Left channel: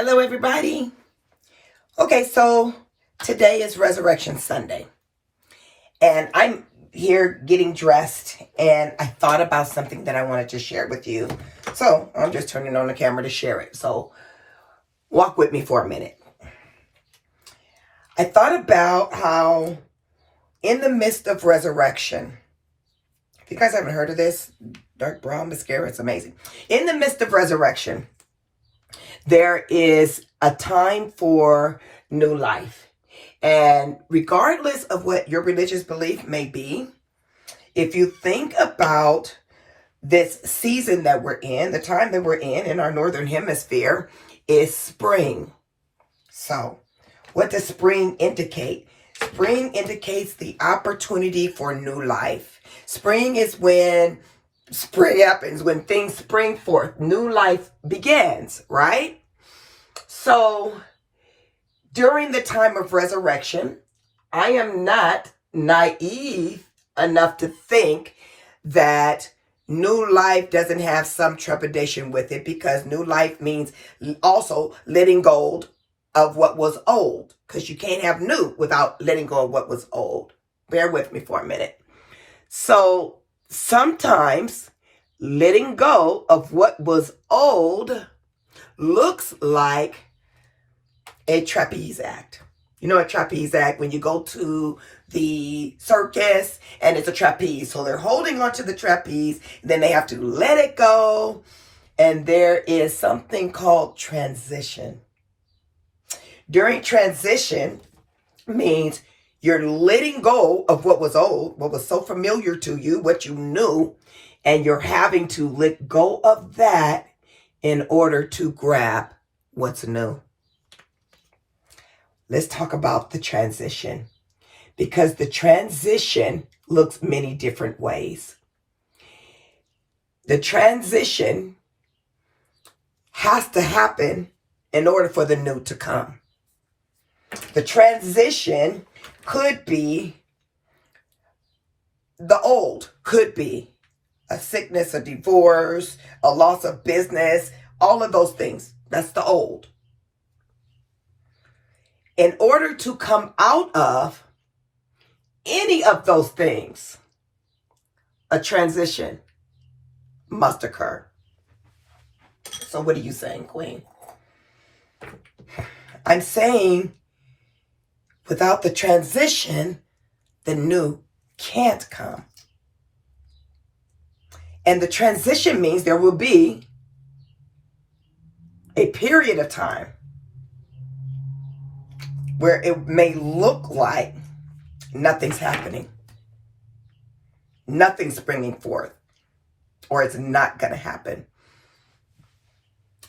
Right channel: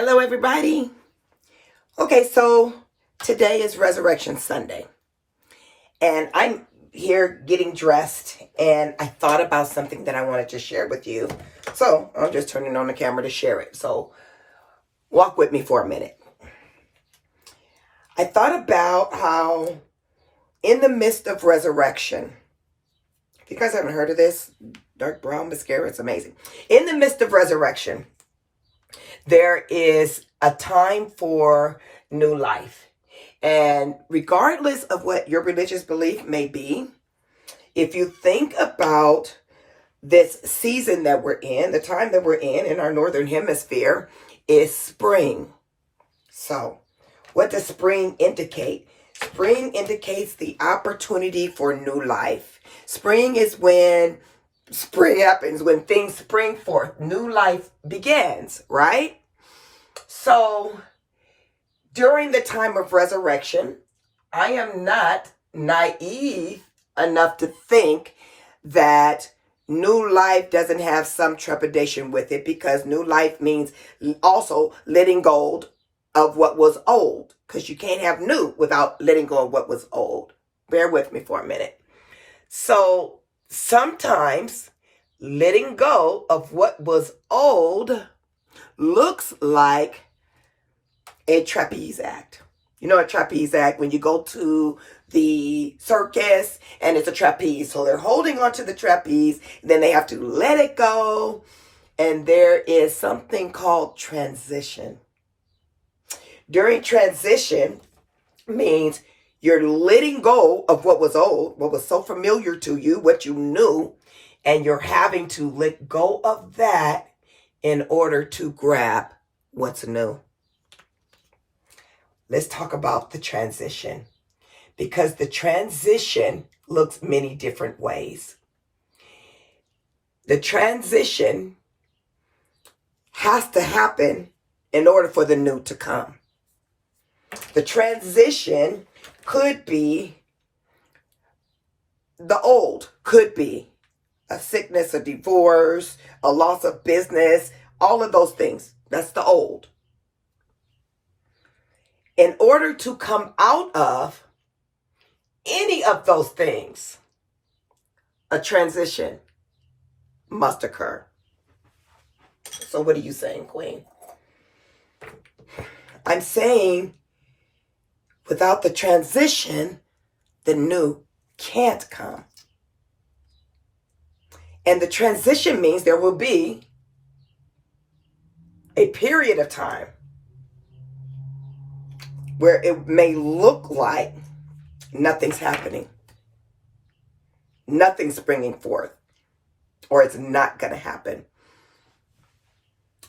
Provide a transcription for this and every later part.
Hello, everybody. Okay, so today is Resurrection Sunday, and I'm here getting dressed, and I thought about something that I wanted to share with you. So I'm just turning on the camera to share it. So walk with me for a minute. I thought about how in the midst of resurrection, if you guys haven't heard of this, dark brown mascara, it's amazing. In the midst of resurrection, there is a time for new life. And regardless of what your religious belief may be, if you think about this season that we're in, the time that we're in our northern hemisphere is spring. So what does spring indicate? Spring indicates the opportunity for new life. Spring is when spring happens, when things spring forth, new life begins, right? So during the time of resurrection, I am not naive enough to think that new life doesn't have some trepidation with it, because new life means also letting go of what was old, because you can't have new without letting go of what was old. Bear with me for a minute. So sometimes letting go of what was old looks like a trapeze act. You know a trapeze act, when you go to the circus and it's a trapeze. So they're holding onto the trapeze, then they have to let it go. And there is something called transition. During transition means you're letting go of what was old, what was so familiar to you, what you knew, and you're having to let go of that in order to grab what's new. Let's talk about the transition, because the transition looks many different ways. The transition has to happen in order for the new to come. The transition could be the old, could be a sickness, a divorce, a loss of business, all of those things. That's the old. In order to come out of any of those things, a transition must occur. So what are you saying, Queen? I'm saying without the transition, the new can't come. And the transition means there will be a period of time where it may look like nothing's happening. Nothing's springing forth, or it's not going to happen.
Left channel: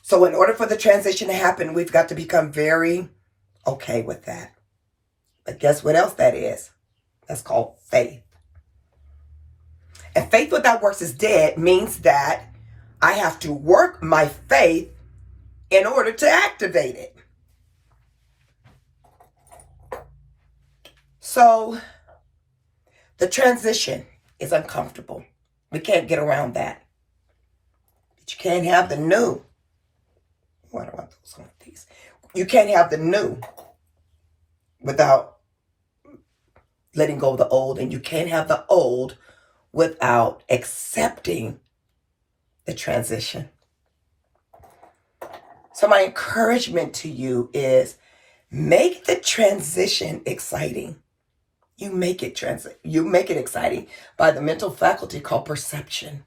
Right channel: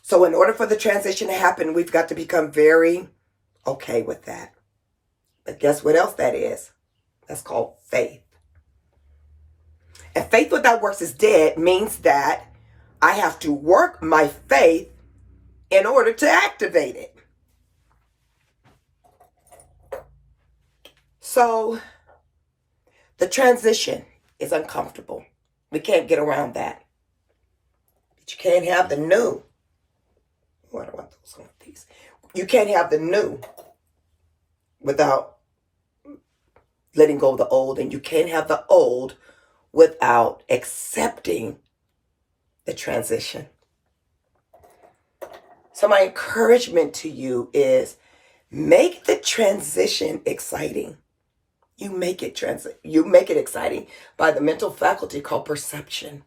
So in order for the transition to happen, we've got to become very okay with that. But guess what else that is? That's called faith. And faith without works is dead means that I have to work my faith in order to activate it. So the transition is uncomfortable. We can't get around that. But you can't have the new. Oh, I don't want those on these. You can't have the new without letting go of the old, and you can't have the old without accepting the transition. So my encouragement to you is make the transition exciting. You make it exciting by the mental faculty called perception.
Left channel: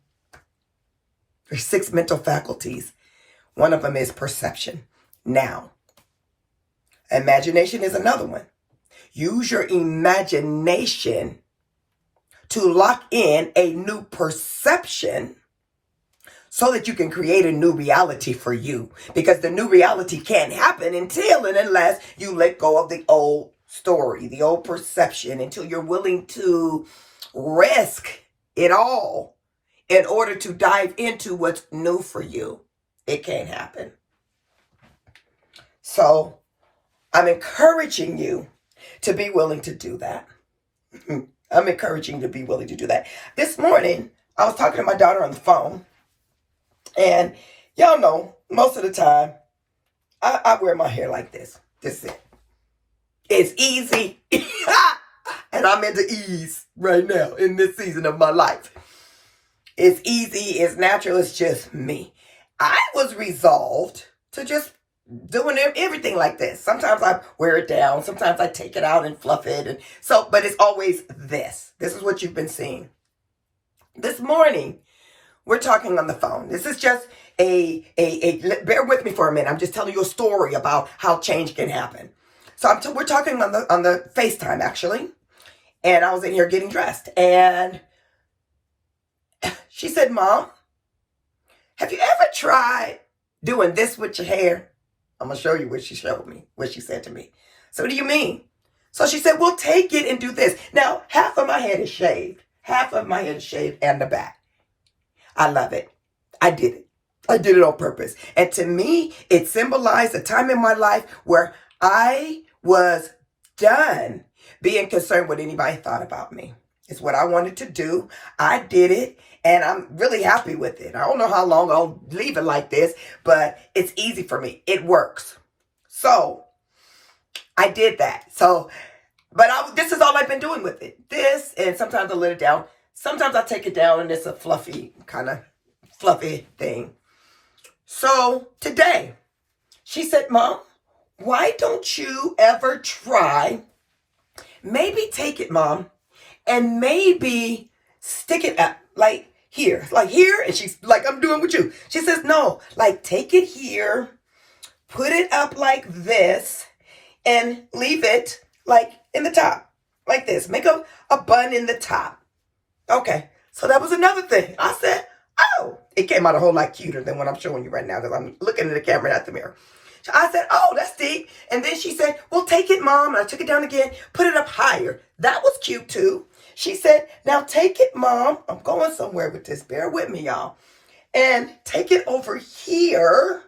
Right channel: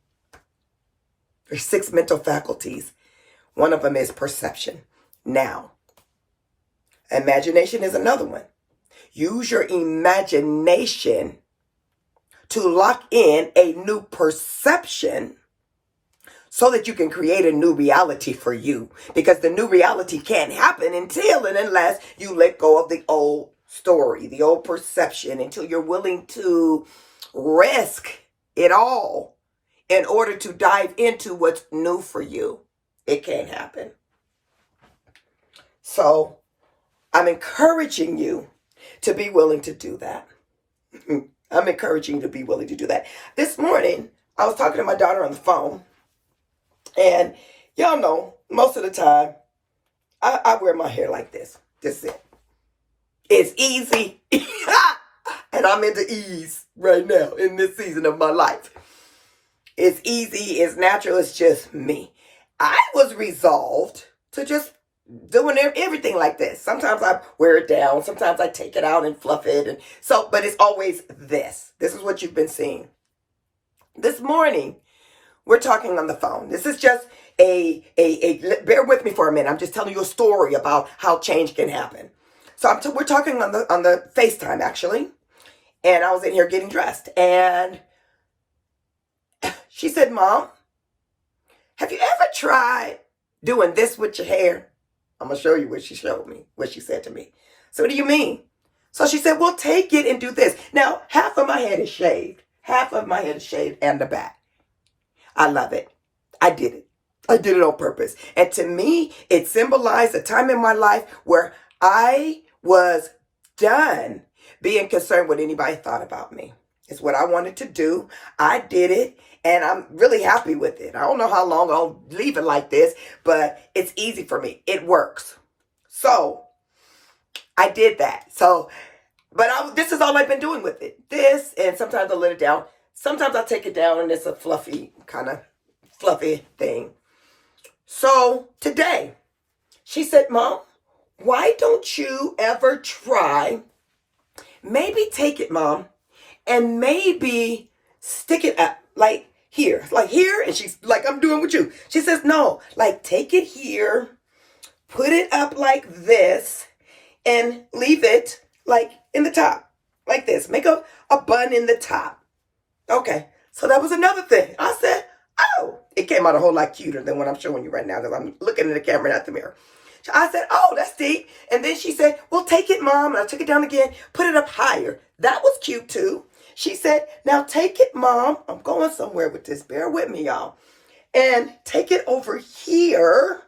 There's 6 mental faculties. One of them is perception. Now, imagination is another one. Use your imagination to lock in a new perception so that you can create a new reality for you. Because the new reality can't happen until and unless you let go of the old story, the old perception, until you're willing to risk it all in order to dive into what's new for you. It can't happen. So I'm encouraging you to be willing to do that. I'm encouraging you to be willing to do that. This morning, I was talking to my daughter on the phone, and y'all know, most of the time, I wear my hair like this. This is it. It's easy. And I'm into ease right now in this season of my life. It's easy. It's natural. It's just me. I was resolved to just doing everything like this. Sometimes I wear it down. Sometimes I take it out and fluff it. And so, but it's always this. This is what you've been seeing. This morning, we're talking on the phone. This is just bear with me for a minute. I'm just telling you a story about how change can happen. So we're talking on the FaceTime actually. And I was in here getting dressed. And she said, Mom, have you ever tried doing this with your hair? I'm going to show you what she showed me, what she said to me. So what do you mean? So she said, well, take it and do this. Now, half of my head is shaved. Half of my head is shaved and the back. I love it. I did it. I did it on purpose. And to me, it symbolized a time in my life where I was done being concerned what anybody thought about me. It's what I wanted to do. I did it. And I'm really happy with it. I don't know how long I'll leave it like this, but it's easy for me. It works. So I did that. So, but this is all I've been doing with it. This, and sometimes I let it down. Sometimes I take it down and it's a fluffy thing. So today, she said, Mom, why don't you ever try, maybe take it, Mom, and maybe stick it up like here, and she's like, I'm doing with you. She says, no, like take it here, put it up like this, and leave it like in the top, like this. Make a bun in the top. Okay, so that was another thing. I said, oh, it came out a whole lot cuter than what I'm showing you right now because I'm looking at the camera, not the mirror. So I said, oh, that's deep. And then she said, well, take it, Mom. And I took it down again, put it up higher. That was cute too. She said, now take it, Mom. I'm going somewhere with this. Bear with me, y'all. And take it over here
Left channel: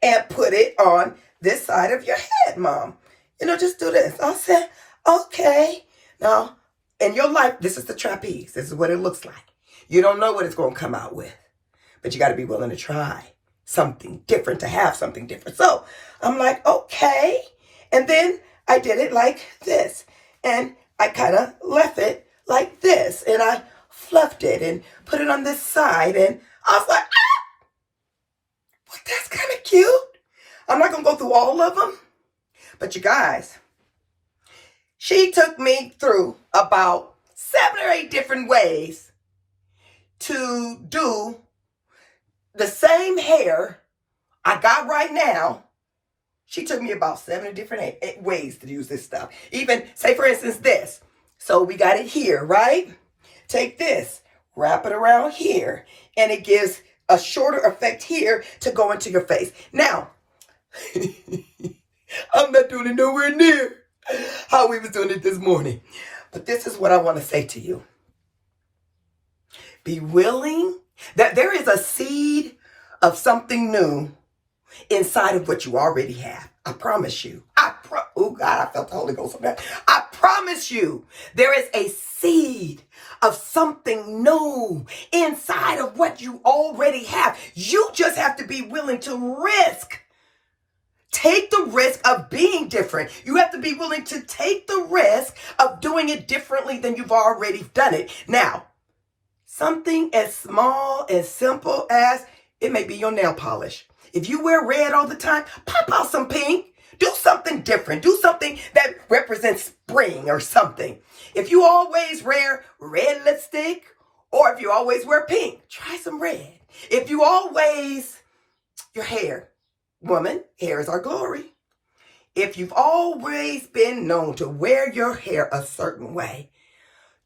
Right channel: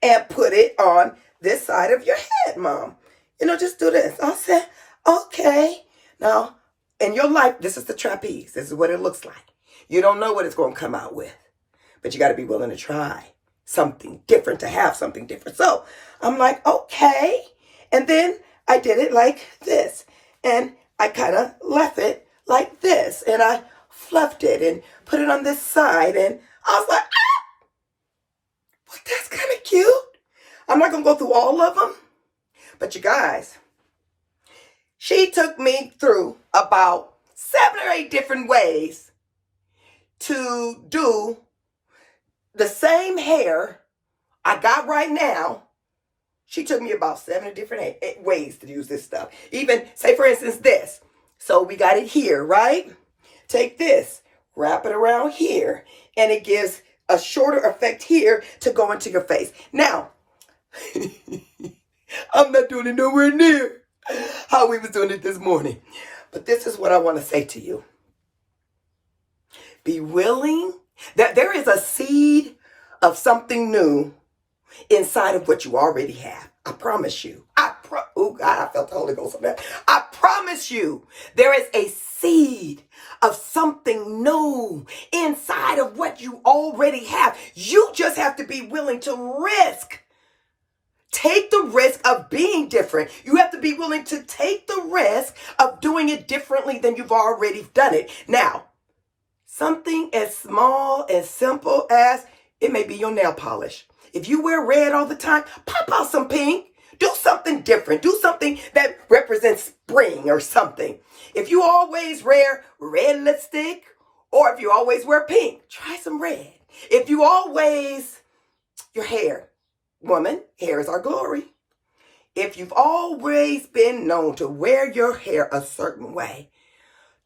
and put it on this side of your head, Mom. Just do this. I said, okay. Now, in your life, this is the trapeze. This is what it looks like. You don't know what it's going to come out with, but you got to be willing to try something different, to have something different. So I'm like, okay. And then I did it like this. And I kind of left it like this. And I fluffed it and put it on this side. And I was like, well, that's kind of cute. I'm not going to go through all of them. But you guys, she took me through about 7 or 8 different ways to do the same hair I got right now. She took me about 7 different ways to use this stuff. Even, say for instance, this. So we got it here, right? Take this, wrap it around here, and it gives a shorter effect here to go into your face. Now, I'm not doing it nowhere near how we was doing it this morning. But this is what I want to say to you. Be willing that there is a seed of something new inside of what you already have. I promise you. Oh God, I felt the Holy Ghost on that. I promise you, there is a seed of something new inside of what you already have. You just have to be willing to risk. Take the risk of being different. You have to be willing to take the risk of doing it differently than you've already done it. Now, something as small, as simple as it may be your nail polish. If you wear red all the time, pop out some pink. Do something different. Do something that represents spring or something. If you always wear red lipstick, or if you always wear pink, try some red. If you always, your hair, woman, hair is our glory. If you've always been known to wear your hair a certain way,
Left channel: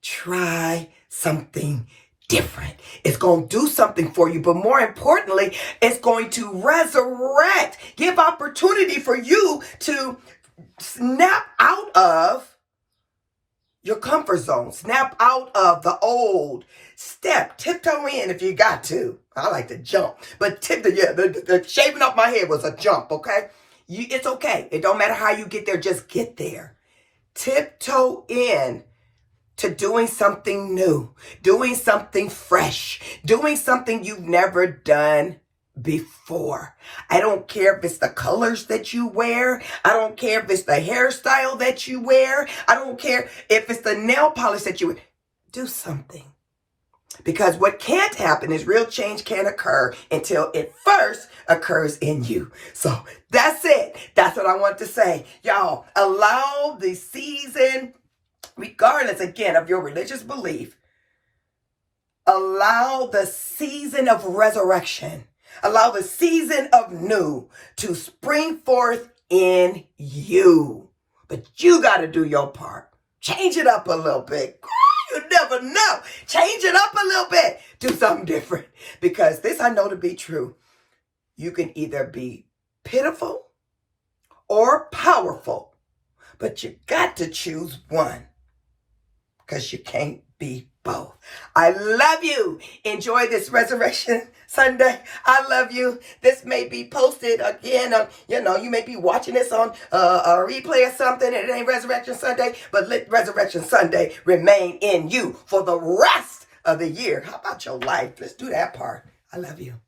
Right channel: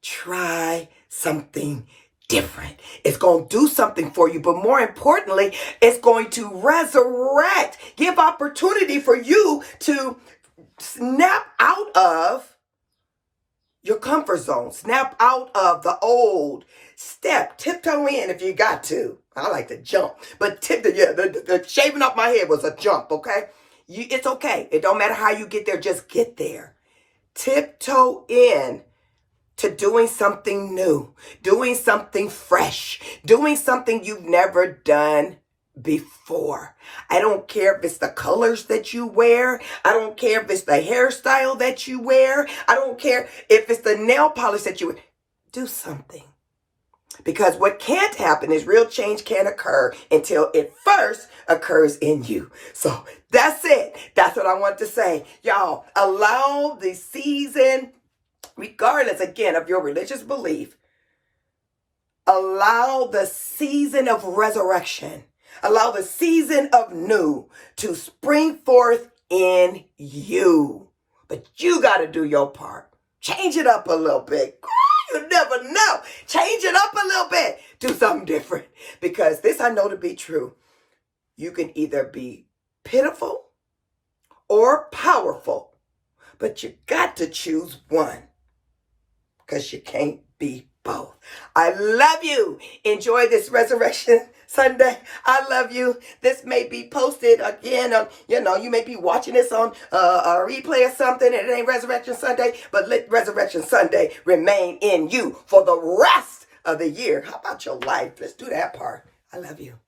try something different. It's going to do something for you, but more importantly, it's going to resurrect, give opportunity for you to snap out of your comfort zone, snap out of the old, tiptoe in if you got to. I like to jump, but the shaving off my head was a jump, okay? It's okay. It don't matter how you get there, just get there. Tiptoe in to doing something new, doing something fresh, doing something you've never done before. I don't care if it's the colors that you wear. I don't care if it's the hairstyle that you wear. I don't care if it's the nail polish that you wear. Do something. Because what can't happen is real change can't occur until it first occurs in you. So that's it. That's what I want to say. Y'all, allow the season, regardless again of your religious belief, allow the season of resurrection, allow the season of new to spring forth in you. But you got to do your part. Change it up a little bit. You never know. Change it up a little bit. Do something different. Because this I know to be true. You can either be pitiful or powerful. But you got to choose one. Because you can't be both. I love you. Enjoy this Resurrection Sunday. I love you. This may be posted again on, you may be watching this on a replay or something and it ain't Resurrection Sunday, but let Resurrection Sunday remain in you for the rest of the year. How about your life? Let's do that part. I love you.